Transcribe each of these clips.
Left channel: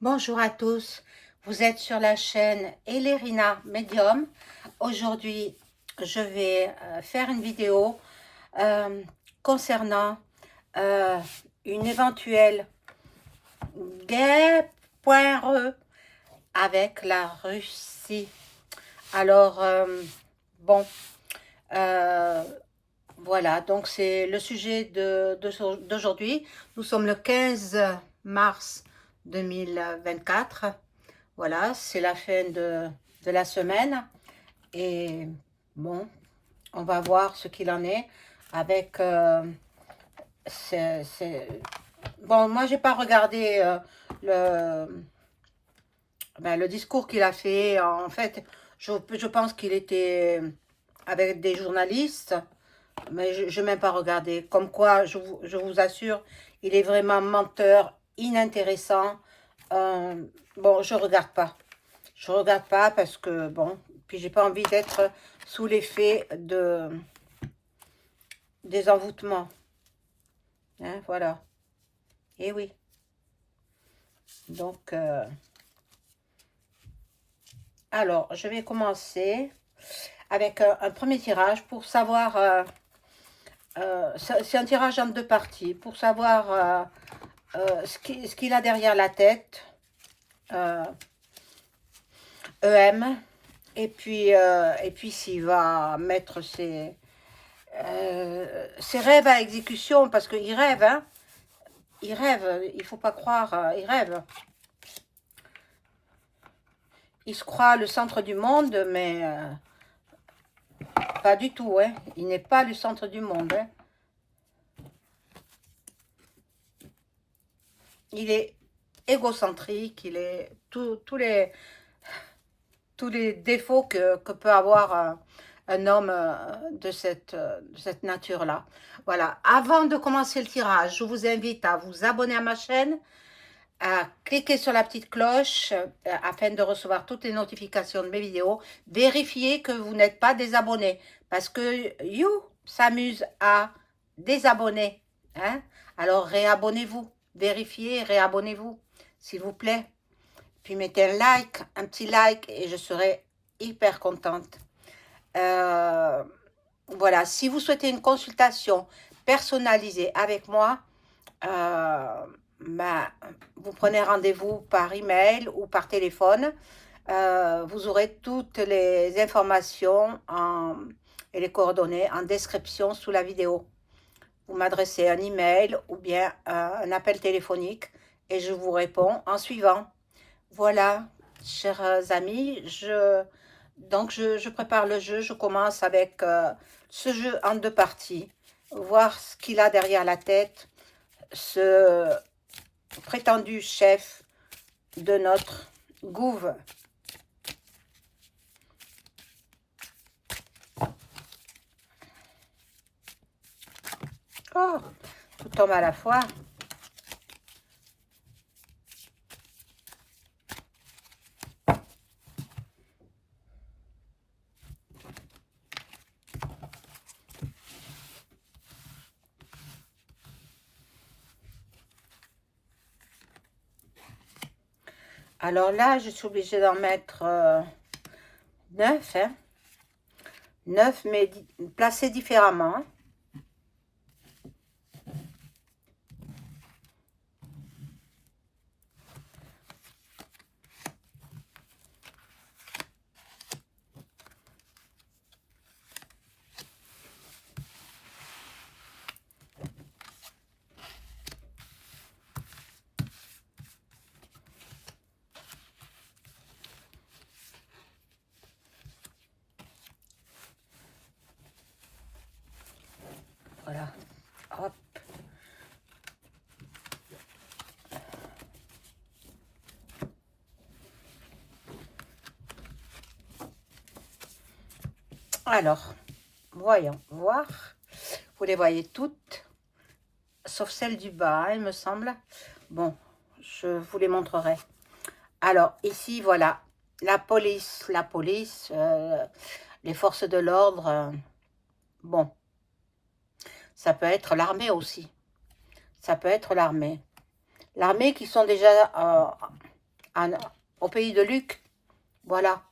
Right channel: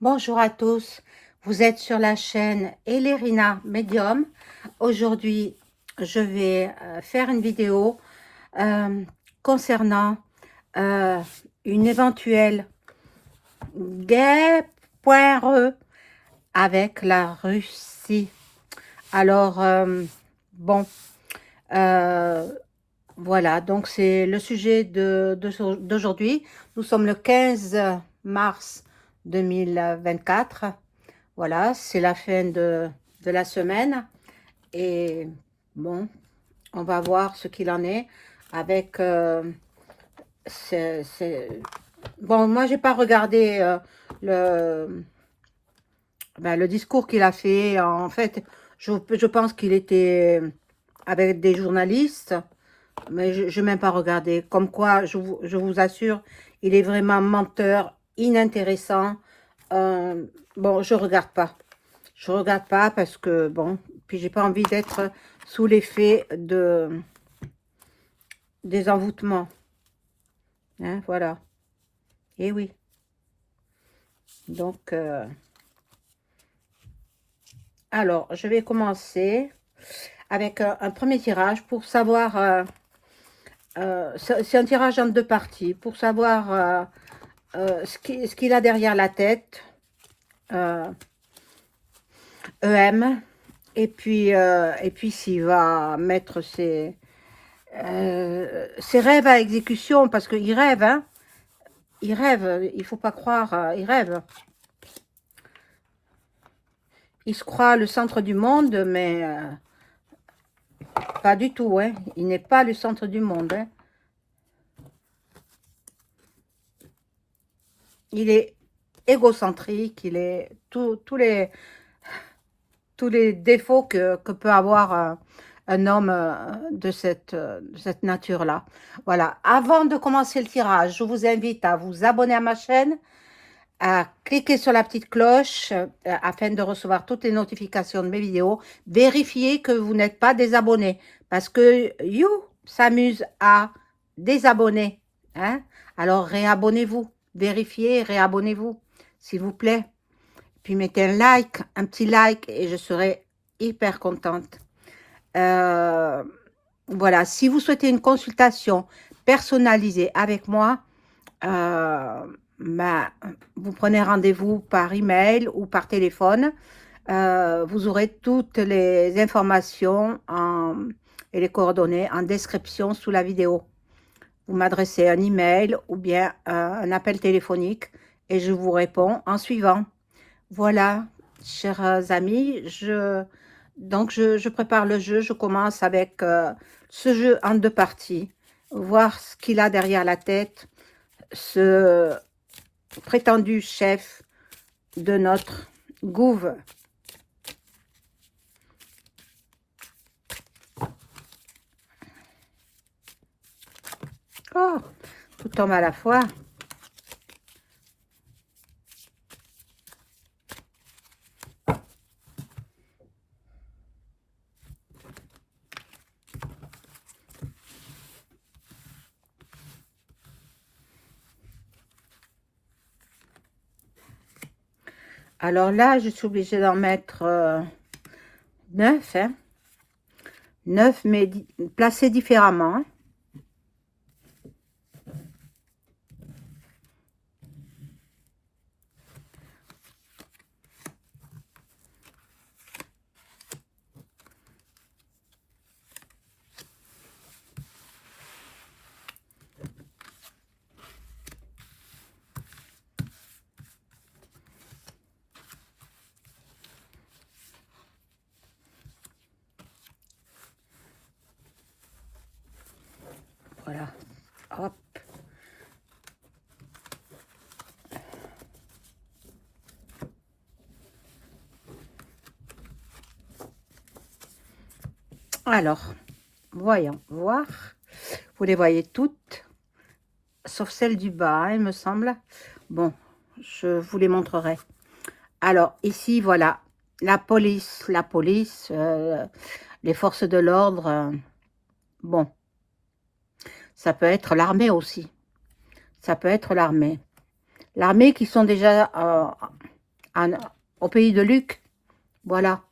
Bonjour à tous, vous êtes sur la chaîne Elérina Medium. Aujourd'hui, je vais faire une vidéo euh, concernant euh, une éventuelle guerre poireuse avec la Russie. Alors, bon, euh, voilà, donc c'est le sujet d'aujourd'hui. Nous sommes le 15 mars 2024. Voilà, c'est la fin de la semaine et bon, on va voir ce qu'il en est avec... Bon, moi, j'ai pas regardé le, le discours qu'il a fait. En fait, je pense qu'il était avec des journalistes, mais je n'ai même pas regardé. Comme quoi, je vous assure, il est vraiment menteur, inintéressant. Euh, bon, je regarde pas. Je regarde pas parce que, bon, puis j'ai pas envie d'être sous l'effet des envoûtements. Hein, voilà. Et oui. Donc, alors, je vais commencer avec un premier tirage pour savoir... c'est un tirage en deux parties. Pour savoir ce qu'il a derrière la tête. Euh, EM. Et puis s'il va mettre ses rêves à exécution, parce qu'il rêve, hein. Il rêve, il faut pas croire, il rêve. Il se croit le centre du monde, mais pas du tout, hein. Il n'est pas le centre du monde, hein. Il est égocentrique, il est tous les défauts que peut avoir un homme de cette nature-là. Voilà. Avant de commencer le tirage, je vous invite à vous abonner à ma chaîne, à cliquer sur la petite cloche afin de recevoir toutes les notifications de mes vidéos. Vérifiez que vous n'êtes pas désabonné parce que You s'amuse à désabonner. Hein? Alors réabonnez-vous, vérifiez, réabonnez-vous, s'il vous plaît. Puis mettez un like, un petit like et je serai hyper contente. Euh, voilà, si vous souhaitez une consultation personnalisée avec moi, euh, bah, vous prenez rendez-vous par email ou par téléphone. Vous aurez toutes les informations et les coordonnées en description sous la vidéo. Vous m'adressez un email ou bien un appel téléphonique et je vous réponds en suivant. Voilà, chers amis, je prépare le jeu. Je commence avec ce jeu en deux parties. Voir ce qu'il a derrière la tête, ce prétendu chef de notre gouv. Oh, tout tombe à la fois. Alors là, je suis obligée d'en mettre 9, hein. 9, mais placés différemment, hein. Voilà. Hop. Alors, voyons voir. Vous les voyez toutes, sauf celle du bas, hein, il me semble. Bon, je vous les montrerai. Alors, ici, voilà, la police, les forces de l'ordre. Bon, ça peut être l'armée aussi. Ça peut être l'armée. L'armée qui sont déjà au pays de Luc. Voilà.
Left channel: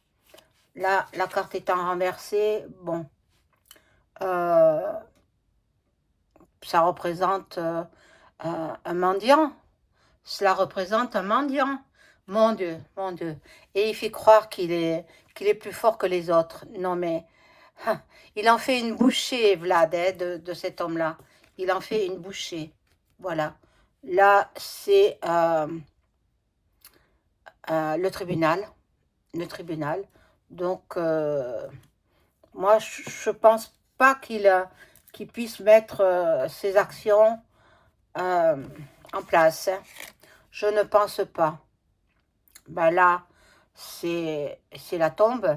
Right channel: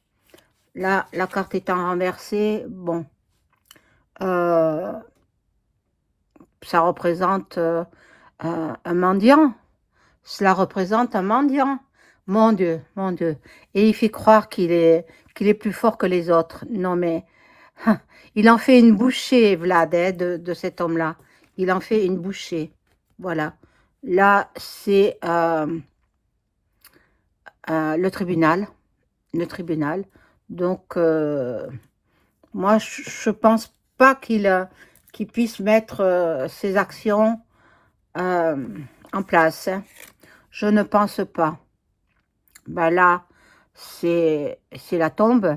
Là, la carte étant renversée, bon, euh, ça représente un mendiant. Cela représente un mendiant. Mon Dieu, mon Dieu. Et il fait croire qu'il est plus fort que les autres. Non, mais il en fait une bouchée, Vlad, hein, de cet homme-là. Il en fait une bouchée. Voilà. Là, c'est le tribunal. Le tribunal. Donc, moi, je pense pas qu'il puisse mettre ses actions euh, en place, hein. Je ne pense pas. Ben là, c'est la tombe.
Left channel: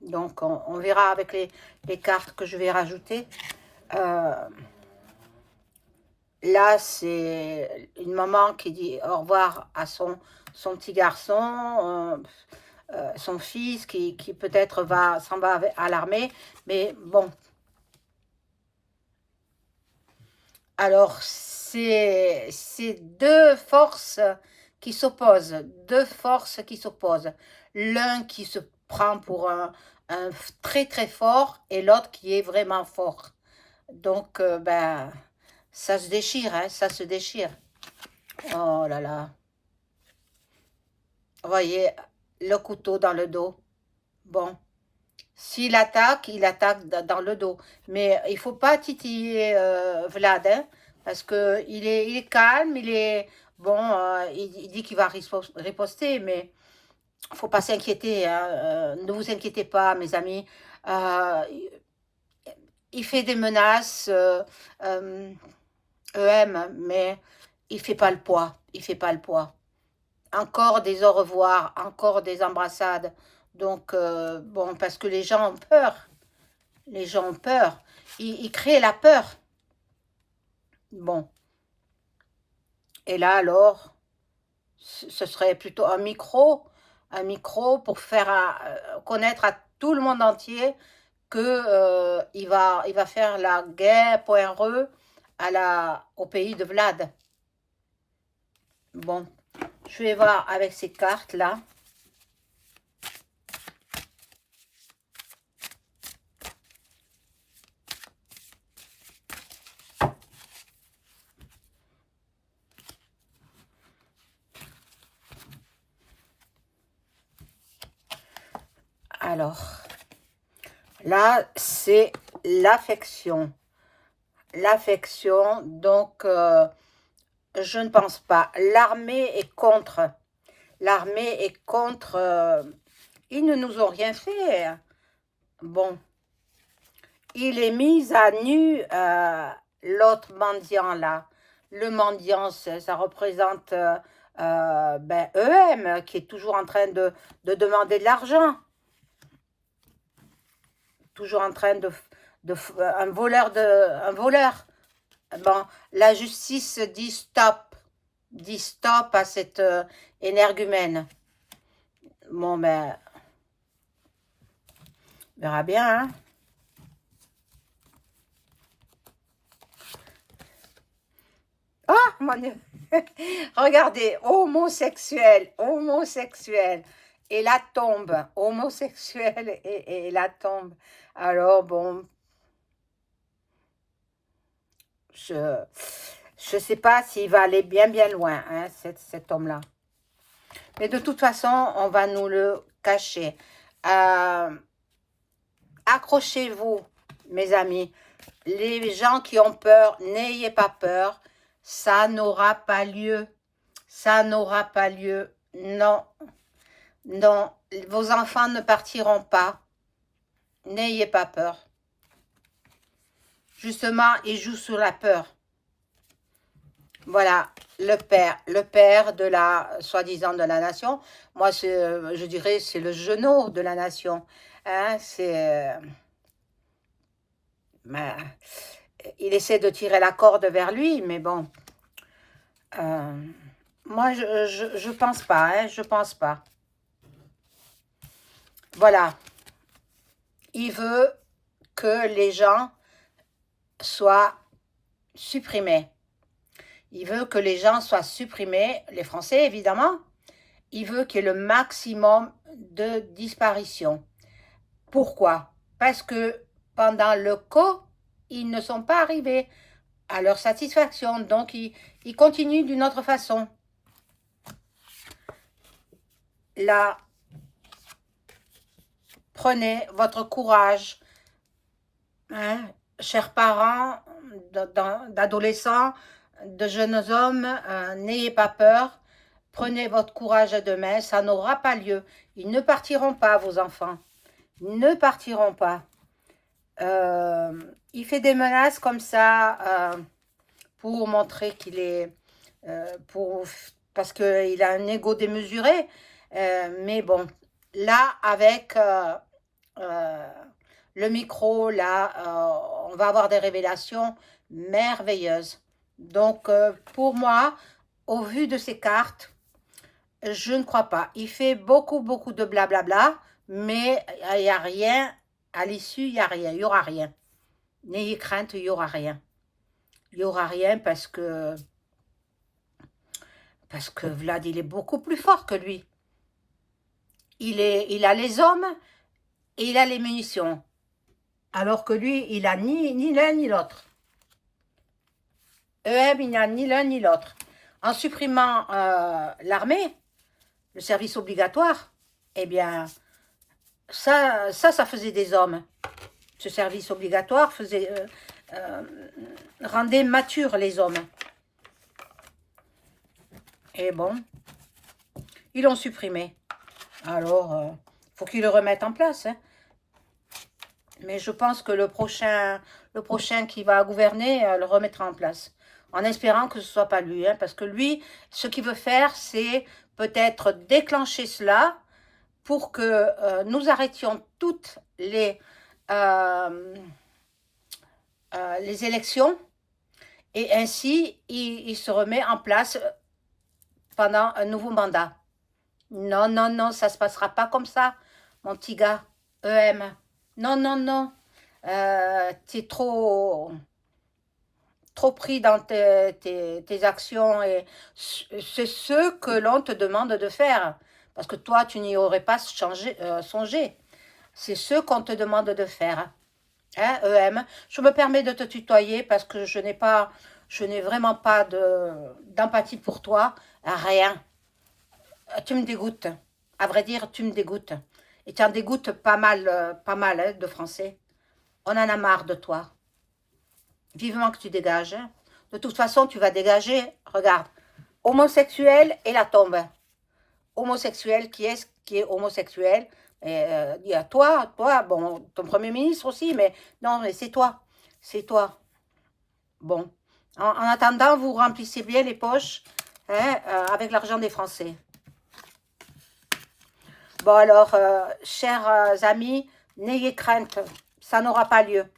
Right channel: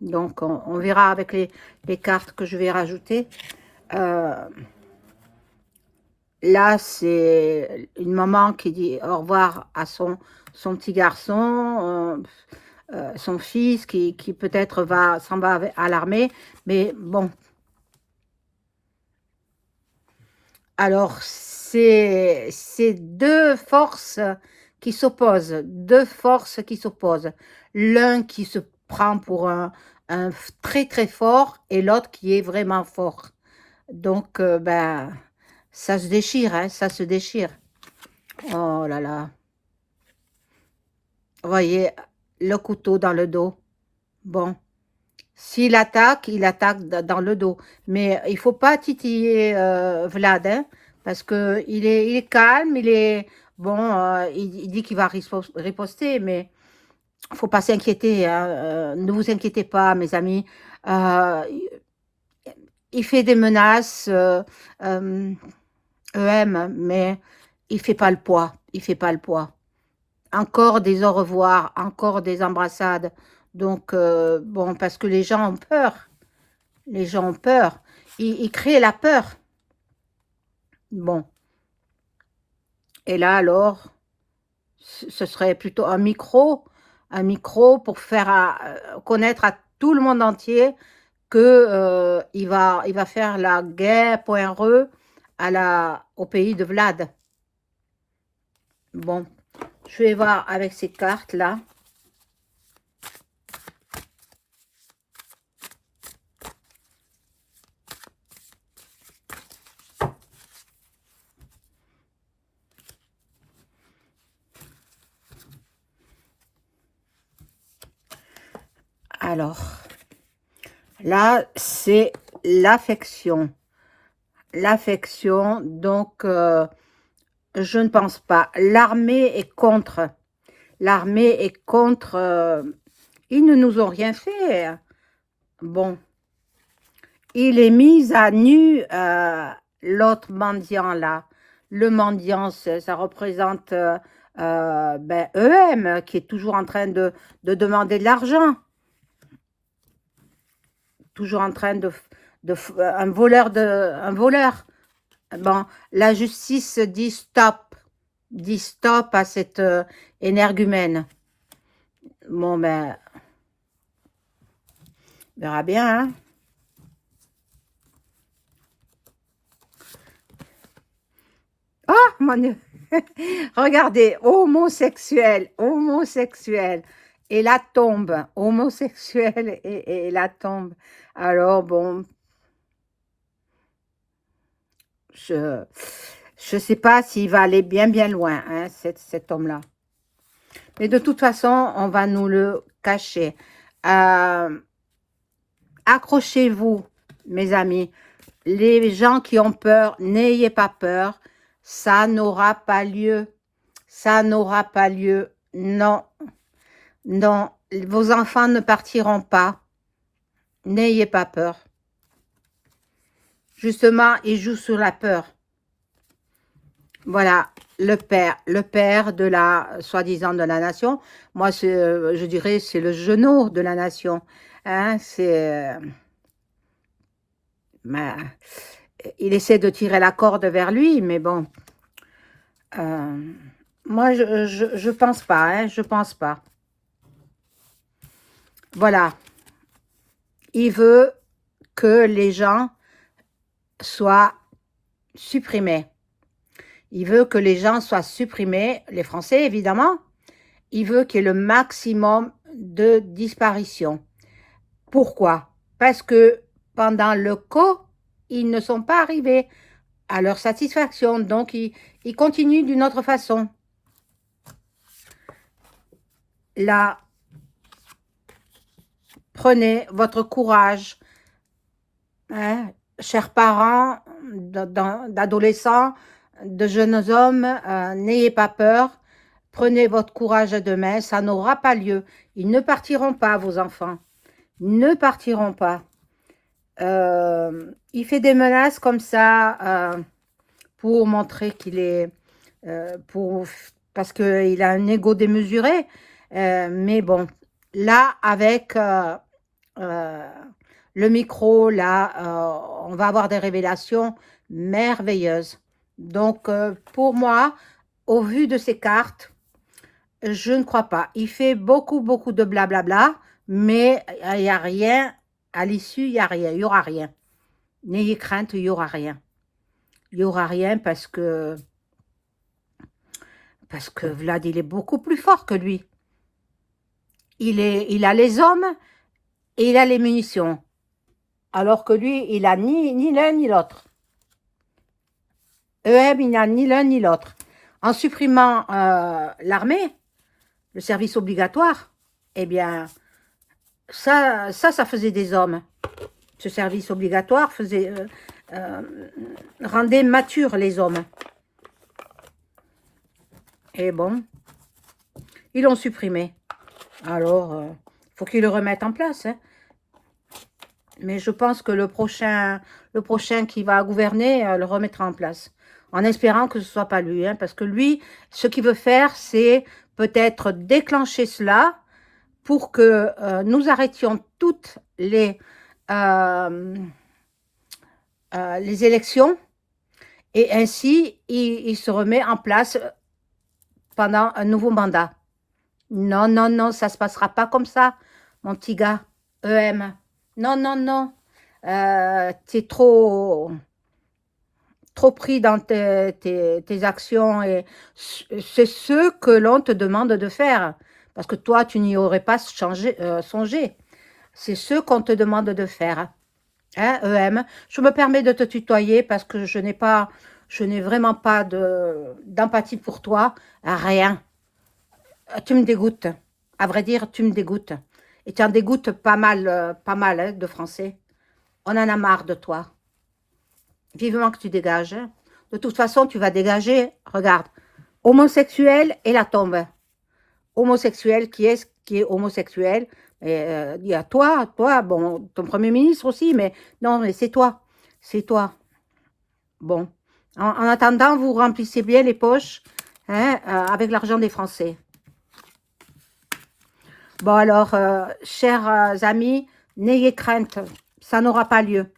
Donc, on verra avec les cartes que je vais rajouter. Euh, Là, c'est une maman qui dit au revoir à son petit garçon, son fils qui peut-être s'en va à l'armée. Mais bon, alors c'est deux forces qui s'opposent, deux forces qui s'opposent. L'un qui se prend pour un très très fort et l'autre qui est vraiment fort. Donc, ben, ça se déchire, hein, ça se déchire. Oh là là. Vous voyez, le couteau dans le dos. Bon, s'il attaque, il attaque dans le dos. Mais il faut pas titiller Vlad, hein, parce que il est calme, il est... Bon, il dit qu'il va riposter, mais faut pas s'inquiéter, hein, ne vous inquiétez pas, mes amis. Euh, il fait des menaces, EM, mais il fait pas le poids. Il fait pas le poids. Encore des au revoir, encore des embrassades. Donc, bon, parce que les gens ont peur. Les gens ont peur. Ils créent la peur. Bon. Et là, alors, ce serait plutôt un micro pour faire connaître à tout le monde entier que il va faire la guerre .re au pays de Vlad. Bon, je vais voir avec ces cartes-là. Alors, là, c'est l'affection. L'affection, donc, je ne pense pas. L'armée est contre. L'armée est contre. Ils ne nous ont rien fait. Bon, il est mis à nu, l'autre mendiant là. Le mendiant, ça représente ben, EM, qui est toujours en train de demander de l'argent. Toujours en train un voleur un voleur. Bon, la justice dit stop à cette énergumène. Bon, ben, on verra bien, hein. Ah, mon Dieu. Regardez, homosexuel, homosexuel. Et la tombe, homosexuel et la tombe. Alors, bon, je ne sais pas s'il va aller bien, bien loin, hein, cet homme-là. Mais de toute façon, on va nous le cacher. Accrochez-vous, mes amis. Les gens qui ont peur, n'ayez pas peur. Ça n'aura pas lieu. Ça n'aura pas lieu. Non, non. Vos enfants ne partiront pas. N'ayez pas peur. Justement, ils jouent sur la peur. Voilà, le père de la, soi-disant de la nation. Moi, je dirais, c'est le genou de la nation. Hein, ben, il essaie de tirer la corde vers lui, mais bon. Moi, je pense pas, hein, je pense pas. Voilà. Il veut que les gens soient supprimés. Il veut que les gens soient supprimés, les Français évidemment. Il veut qu'il y ait le maximum de disparitions. Pourquoi? Parce que pendant le co, ils ne sont pas arrivés à leur satisfaction. Donc, ils continuent d'une autre façon. Là, prenez votre courage, hein, chers parents d'adolescents, de jeunes hommes, n'ayez pas peur. Prenez votre courage à deux mains, ça n'aura pas lieu. Ils ne partiront pas, vos enfants. Ne partiront pas. Il fait des menaces comme ça pour montrer qu'il est... parce qu'il a un ego démesuré. Mais bon, là, avec le micro, là, on va avoir des révélations merveilleuses. Donc, pour moi, au vu de ces cartes, je ne crois pas. Il fait beaucoup, beaucoup de blablabla, mais il n'y a rien. À l'issue, il n'y a rien. Il n'y aura rien. N'ayez crainte, il n'y aura rien. Il n'y aura rien parce que Vlad, il est beaucoup plus fort que lui. Il a les hommes et il a les munitions. Alors que lui, il a ni l'un ni l'autre. EM, il n'a ni l'un ni l'autre. En supprimant l'armée, le service obligatoire, eh bien, ça faisait des hommes. Ce service obligatoire rendait matures les hommes. Et bon, ils l'ont supprimé. Alors, faut qu'ils le remettent en place. Hein. Mais je pense que le prochain qui va gouverner le remettra en place. En espérant que ce ne soit pas lui. Hein, parce que lui, ce qu'il veut faire, c'est peut-être déclencher cela pour que nous arrêtions toutes les élections. Et ainsi, il se remet en place pendant un nouveau mandat. Non, non, non, ça ne se passera pas comme ça, mon petit gars, EM. Non, non, non. Tu es trop pris dans tes actions et c'est ce que l'on te demande de faire. Parce que toi, tu n'y aurais pas songé. C'est ce qu'on te demande de faire. Hein, EM? Je me permets de te tutoyer parce que je n'ai vraiment pas d'empathie pour toi. Rien. Tu me dégoûtes. À vrai dire, tu me dégoûtes. Et tu en dégoûtes pas mal hein, de Français. On en a marre de toi. Vivement que tu dégages. Hein. De toute façon, tu vas dégager. Regarde. Homosexuel et la tombe. Homosexuel, qui est homosexuel? Et, il y a toi, bon, ton premier ministre aussi, mais non, mais c'est toi. C'est toi. Bon. En attendant, vous remplissez bien les poches hein, avec l'argent des Français. Bon alors, chers amis, n'ayez crainte, ça n'aura pas lieu.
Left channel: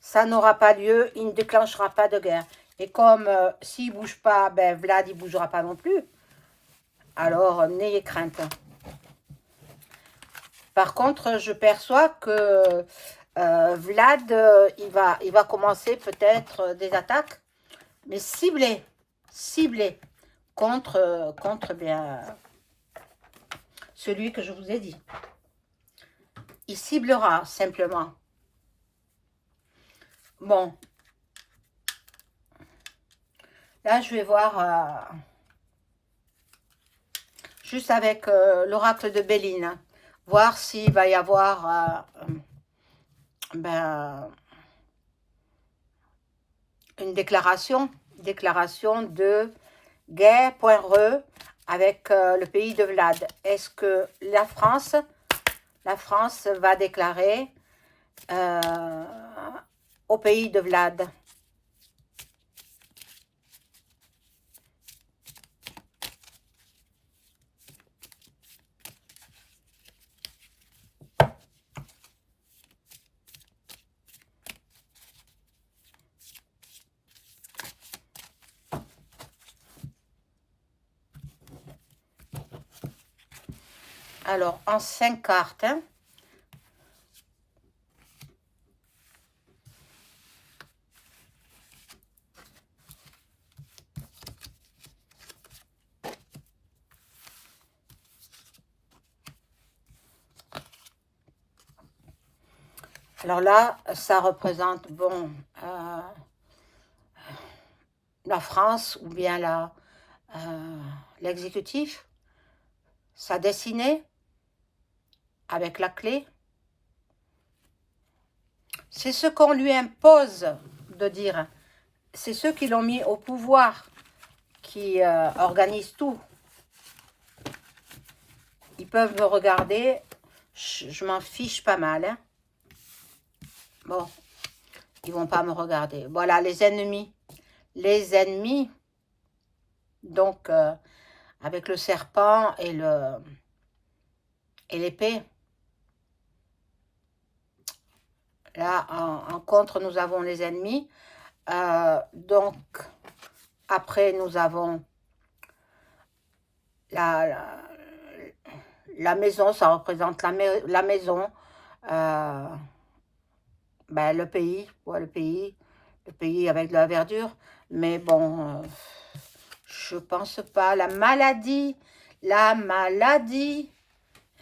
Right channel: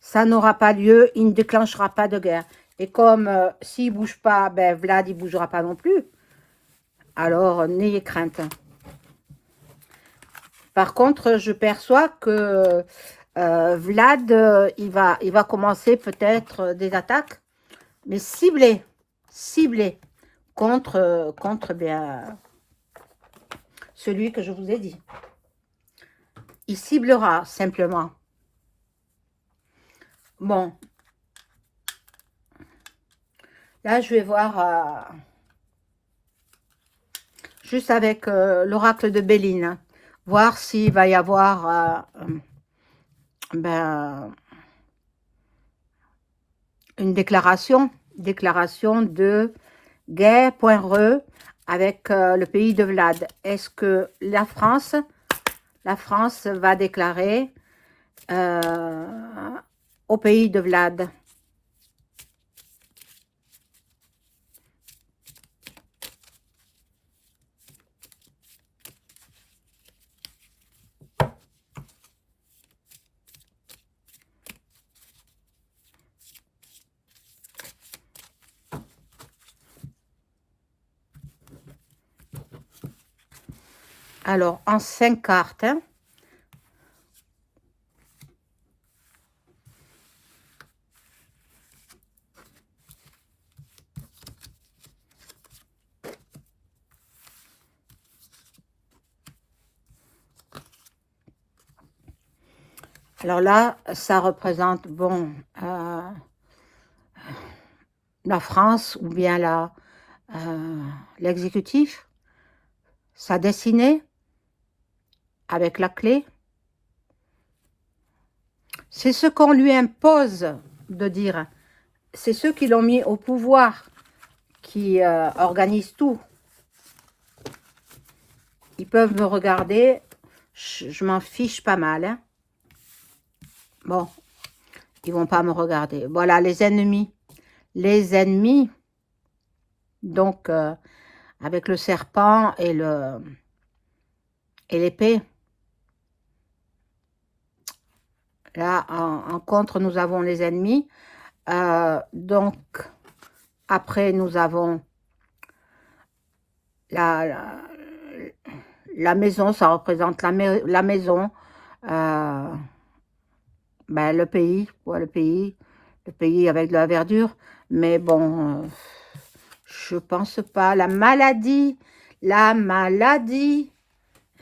Ça n'aura pas lieu, il ne déclenchera pas de guerre. Et comme s'il ne bouge pas, ben Vlad, il ne bougera pas non plus. Alors, n'ayez crainte. Par contre, je perçois que Vlad, il va commencer peut-être des attaques, mais ciblées contre bien, celui que je vous ai dit. Il ciblera simplement. Bon. Là, je vais voir juste avec l'oracle de Béline. Voir s'il va y avoir une déclaration de guerre.re avec le pays de Vlad. Est-ce que la France va déclarer au pays de Vlad? Alors, en 5 cartes, hein, Alors là, ça représente, bon, la France ou bien l'exécutif, sa destinée avec la clé. C'est ce qu'on lui impose de dire. C'est ceux qui l'ont mis au pouvoir qui organisent tout. Ils peuvent me regarder, je m'en fiche pas mal. Hein. Bon, ils vont pas me regarder. Voilà, les ennemis. Les ennemis, donc avec le serpent et l'épée. Là, en contre, nous avons les ennemis. Donc, après, nous avons la maison, ça représente la maison. Ben, le pays, ouais, le pays avec de la verdure. Mais bon, je pense pas. La maladie,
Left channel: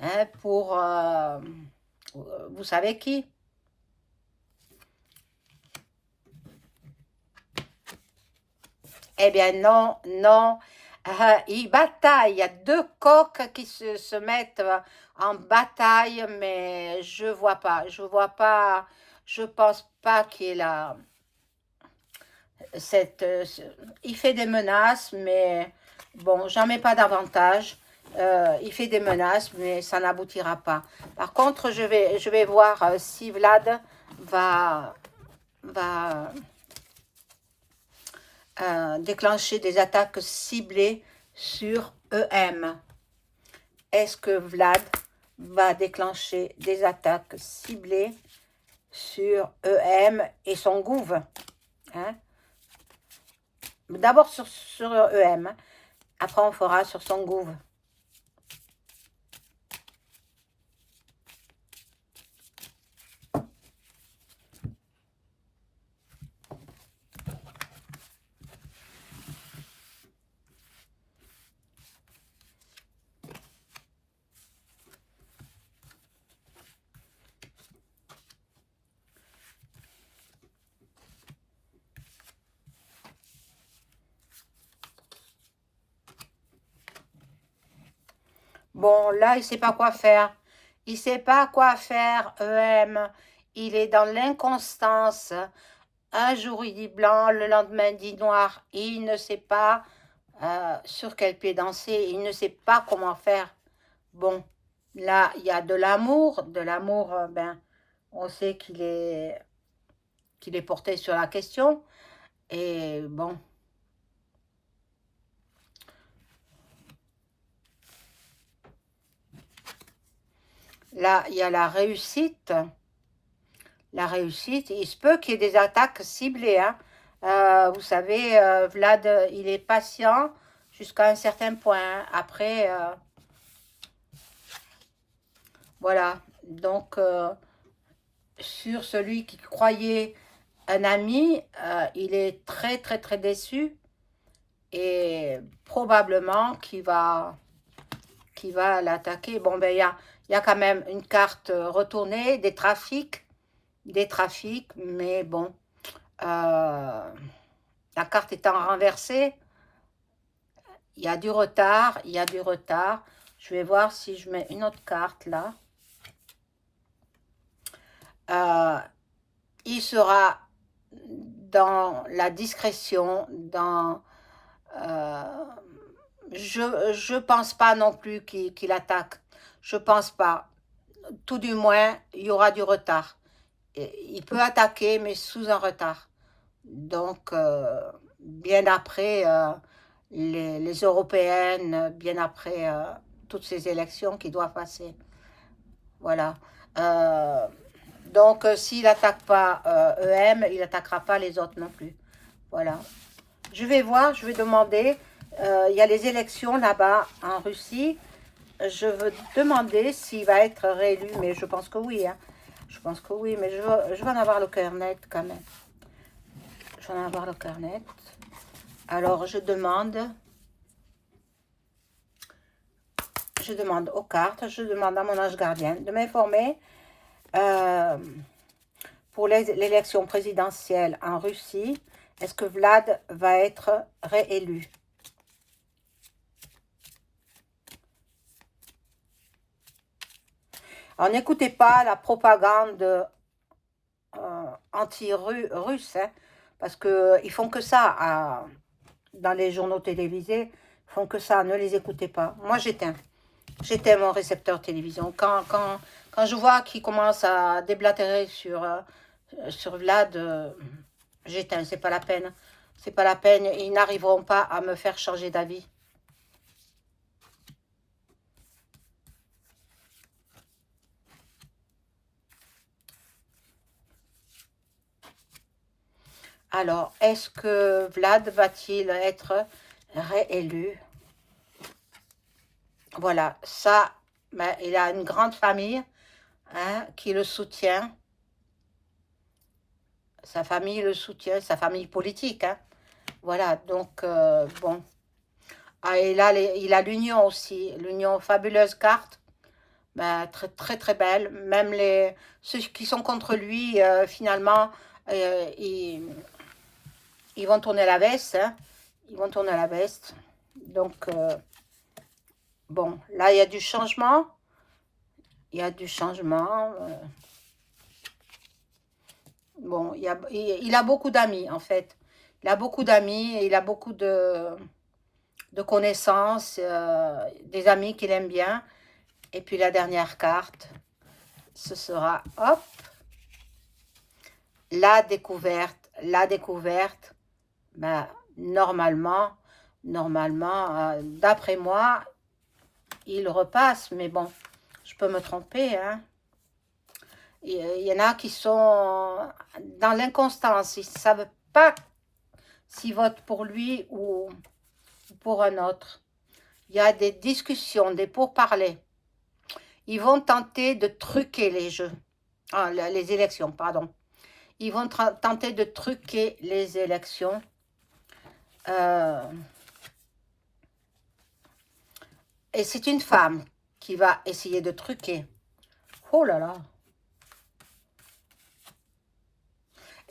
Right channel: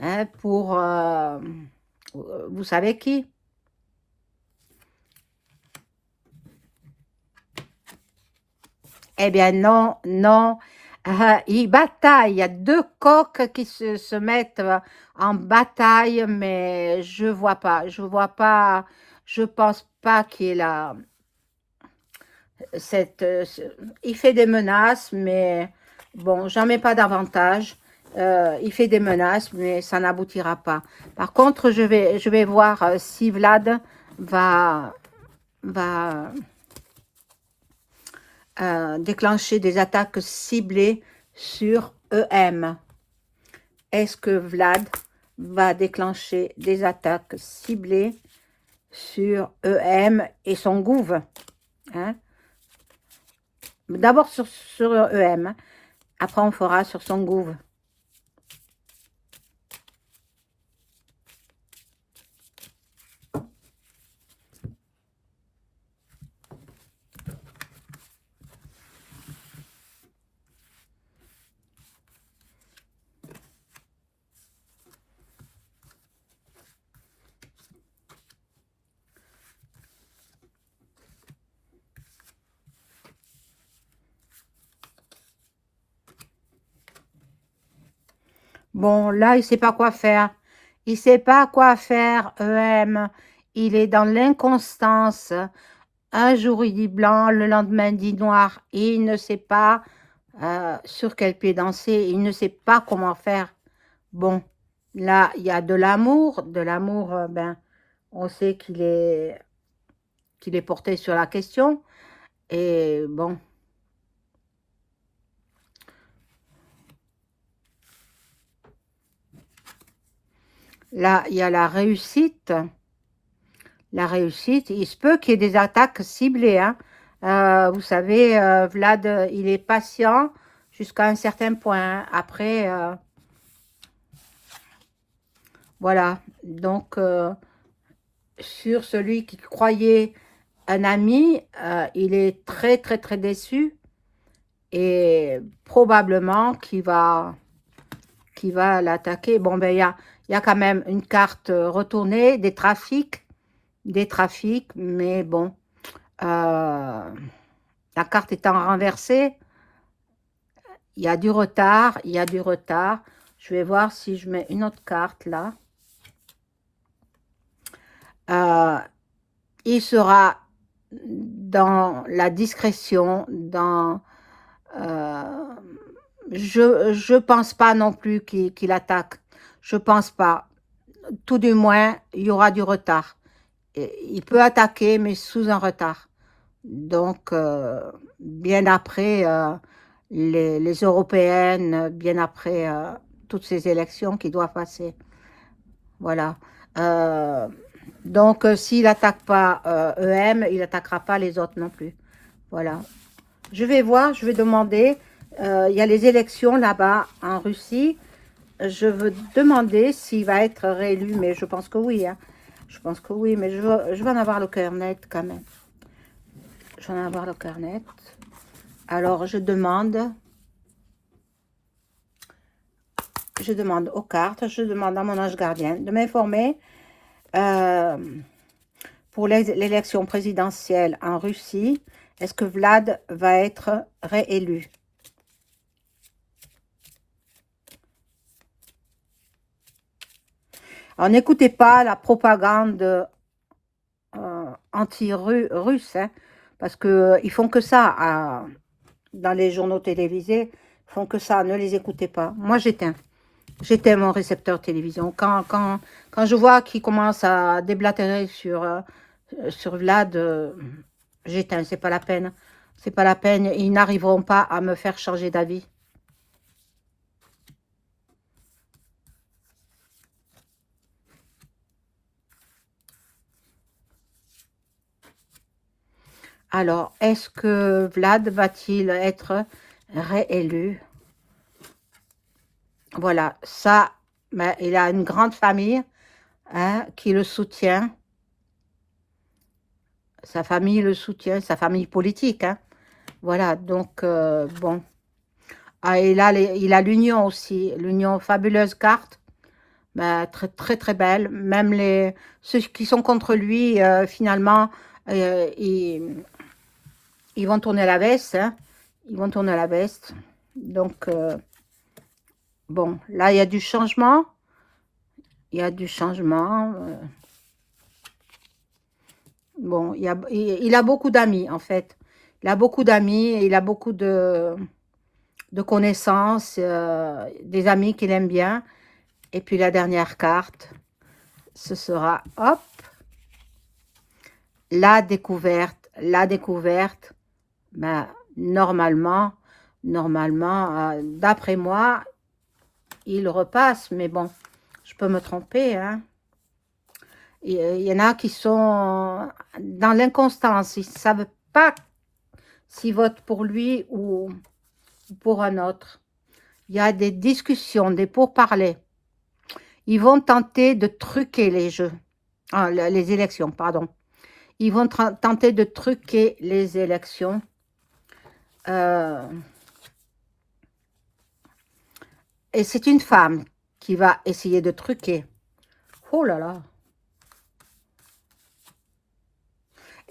hein, pour, vous savez qui? Eh bien non, non, ils bataillent, il y a deux coqs qui se mettent en bataille, mais je vois pas, je pense pas qu'il y ait il fait des menaces, mais bon, j'en mets pas davantage. Il fait des menaces, mais ça n'aboutira pas. Par contre, je vais voir si Vlad va déclencher des attaques ciblées sur EM. Est-ce que Vlad va déclencher des attaques ciblées sur EM et son gouv, hein? D'abord sur EM, après on fera sur son gouv. Bon, là, il ne sait pas quoi faire. Il ne sait pas quoi faire, EM. Il est dans l'inconstance. Un jour, il dit blanc, le lendemain, il dit noir. Il ne sait pas sur quel pied danser. Il ne sait pas comment faire. Bon, là, il y a de l'amour. De l'amour, ben, on sait qu'il est porté sur la question. Et bon, là, il y a la réussite. La réussite, il se peut qu'il y ait des attaques ciblées. Hein. Vous savez, Vlad, il est patient jusqu'à un certain point. Après, voilà. Donc, sur celui qui croyait un ami, il est très, très, très déçu. Et probablement qu'il va l'attaquer. Bon, ben, il y a quand même une carte retournée, des trafics, mais bon, la carte étant renversée, il y a du retard, il y a du retard. Je vais voir si je mets une autre carte là. Il sera dans la discrétion, je pense pas non plus qu'il attaque. Je pense pas. Tout du moins, il y aura du retard. Et il peut attaquer, mais sous un retard. Donc, bien après les européennes, bien après toutes ces élections qui doivent passer. Voilà. Euh, donc, s'il n'attaque pas EM, il n'attaquera pas les autres non plus. Voilà. Je vais voir, je vais demander. Il y a les élections là-bas en Russie. Je veux demander s'il va être réélu, mais je pense que oui. Hein. Je pense que oui, mais je veux en avoir le cœur net quand même. Je vais en avoir le cœur net. Alors, je demande aux cartes, je demande à mon ange gardien de m'informer pour l'élection présidentielle en Russie, est-ce que Vlad va être réélu? Alors, n'écoutez pas la propagande anti-russe, hein, parce que ils font que ça dans les journaux télévisés, ils font que ça, ne les écoutez pas. Moi, j'éteins mon récepteur télévision. Quand je vois qu'ils commencent à déblatérer sur Vlad, j'éteins, c'est pas la peine. C'est pas la peine, ils n'arriveront pas à me faire changer d'avis. Alors, est-ce que Vlad va-t-il être réélu? Voilà, ça, ben, il a une grande famille, hein, qui le soutient. Sa famille le soutient, sa famille politique, hein. Voilà, donc, bon. Ah, il a l'Union aussi, l'Union fabuleuse carte, ben, très, très, très belle. Même ceux qui sont contre lui, finalement, ils vont tourner la veste, hein. Ils vont tourner la veste. Donc, bon, là, il y a du changement. Il y a du changement. Bon, il a beaucoup d'amis, en fait. Il a beaucoup d'amis, il a beaucoup de connaissances, des amis qu'il aime bien. Et puis la dernière carte, ce sera, hop, la découverte. La découverte, ben, normalement, d'après moi, il repasse. Mais bon, je peux me tromper, hein. Il y en a qui sont dans l'inconstance. Ils ne savent pas s'ils votent pour lui ou pour un autre. Il y a des discussions, des pourparlers. Ils vont tenter de truquer les jeux. Ah, les élections, pardon. Ils vont tenter de truquer les élections. Et c'est une femme qui va essayer de truquer. Oh là là.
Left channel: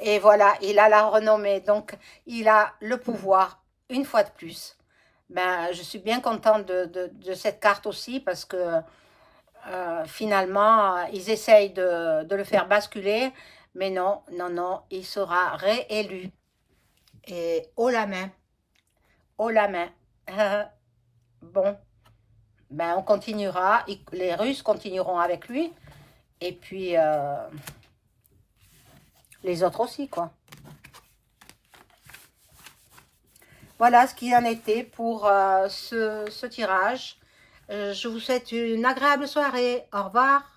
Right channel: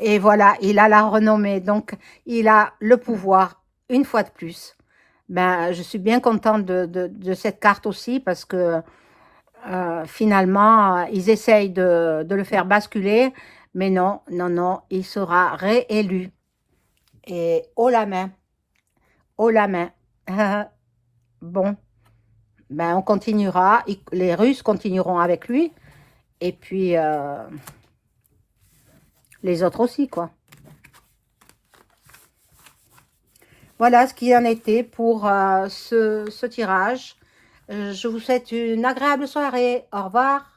Et voilà, il a la renommée, donc il a le pouvoir, une fois de plus. Ben, je suis bien contente de cette carte aussi, parce que finalement, ils essayent de le faire basculer, mais non, non, non, il sera réélu. Et haut la main, haut la main. Bon, ben on continuera, les Russes continueront avec lui, et puis les autres aussi, quoi. Voilà ce qui en était pour ce tirage. Je vous souhaite une agréable soirée. Au revoir.